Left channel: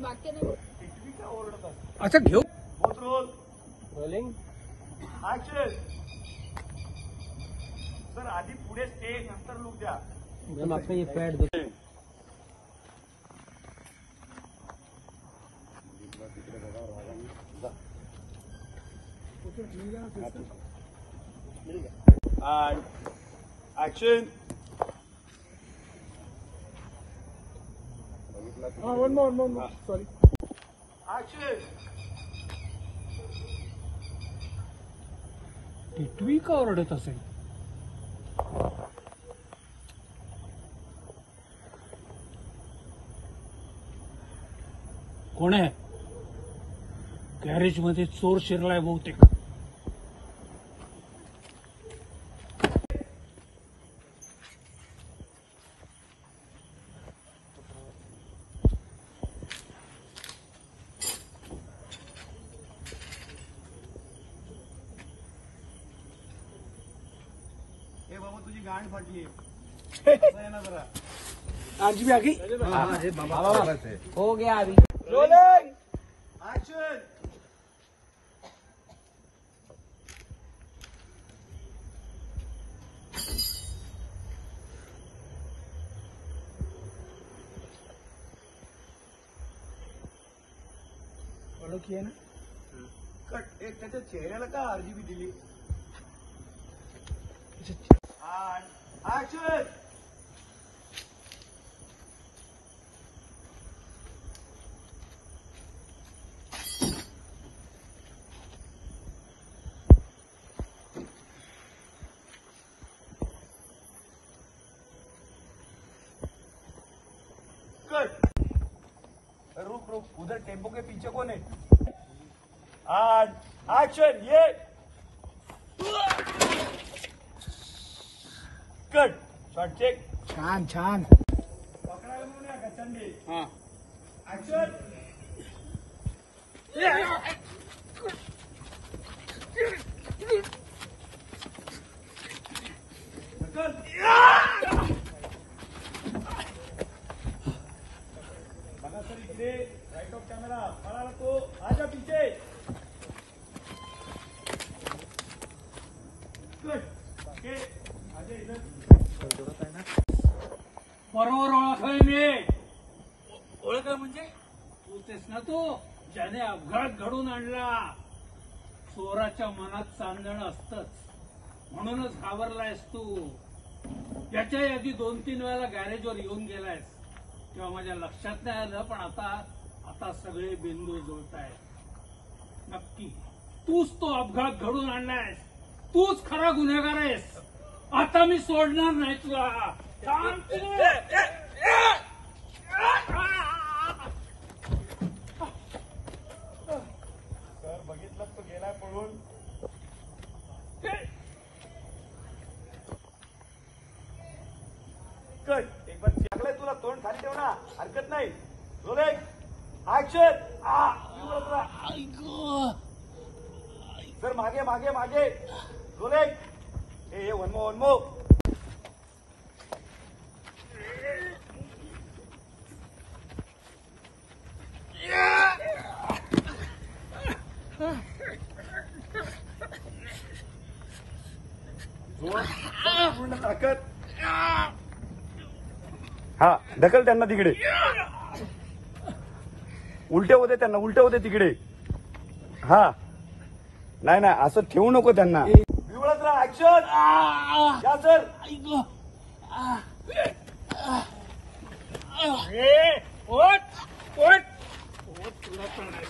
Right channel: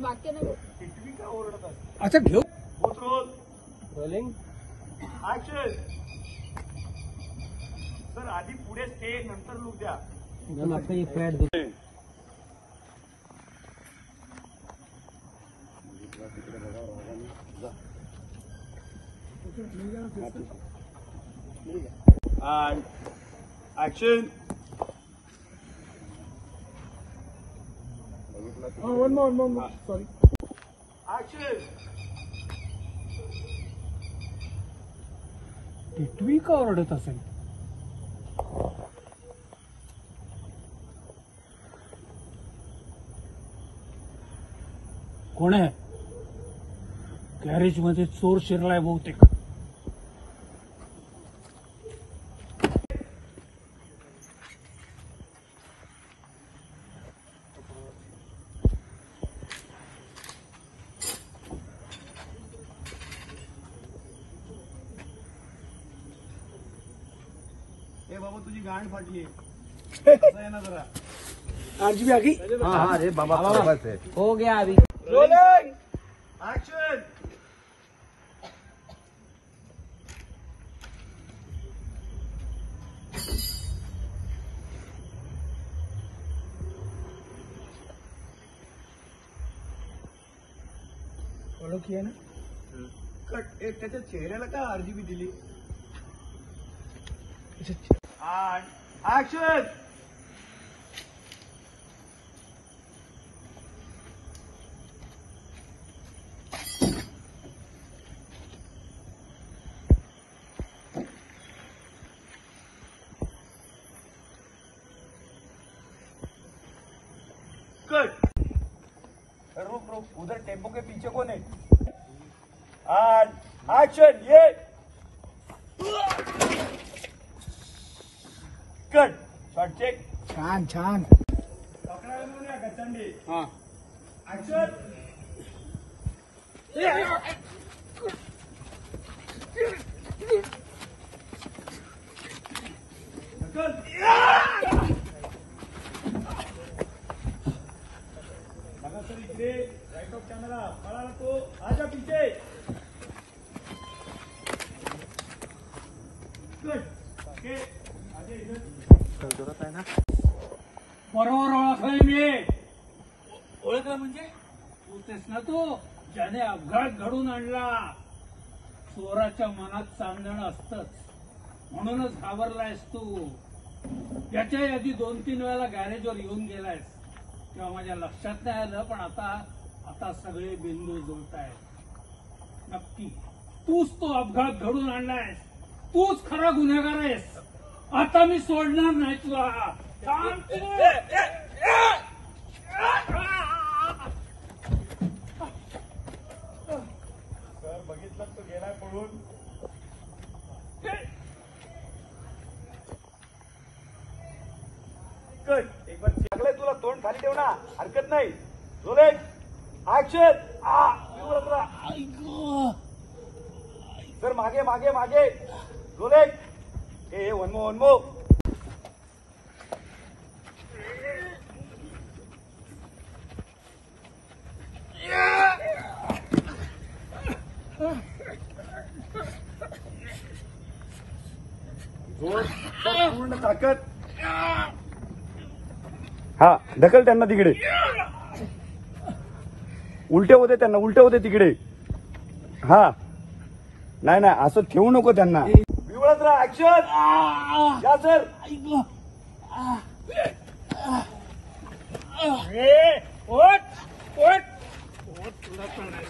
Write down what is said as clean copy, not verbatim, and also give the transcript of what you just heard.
वाक्य नाही. अच्छा घेऊ रोलिंग आधी पुढे स्टे नंतर उद्या मागचं एक pad and action. one more. Sorry. Action. टिटवी का ओरडत असेल? कोण आहे? गॅरेज मध्ये चोर शिरलाय बहुतेक. ए बाबा तुझी गांड फाटली ना जरा. आरजी आ गई. हाँ अरे बाबा हो गया अभी. Rolling action. फॉलो किया ना. कट. एक त्याच्या चेहऱ्याला का आरजीबी दिली. And action. कट. रुक उधर टेम्पो के पीछे कौन है? And action. ये कट. Shot check. छान. पकडायला म्हणूया गचंडी. हा. ऍक्शन. बघा सर इकडे राईट ऑफ कॅमेरा. मला तो आजा पीछे. कट. ओके. आजा इधर. बरोबर ओळखलंय मी. ओळखलं म्हणजे तूच ना तू ज्याने अपघात घडून आणला. चोराच्या मनात चांदणं असतंच म्हणूनच घाबरलायस तू. याच्याही आधी 2-3 वेळेला गॅरेजवर येऊन गेलायस तेव्हा माझ्या लक्षात नाही आलं, पण आता सगळे बिंदू जुळतायत. नक्की तूच तो अपघात घडून आणलायस. तूच खरा गुन्हेगार आहेस. आता मी सोडणार नाही तुला. बघितलं तो गेला पळून. कट. एक बार लागलंय तुला. तोंड खाली ठेव ना. हरकत नाही. Rolling action. तर मागे. रोलिंग. ए वनमो. पूर्ण ताकद. हा ढकल त्यांना तिकडे. उलटे होते त्यांना. उलटे होते तिकडे. हा नाही असं ठेवू नको त्यांना. निवडत राहा. ऍक्शन. या सर. तुला पण नाही.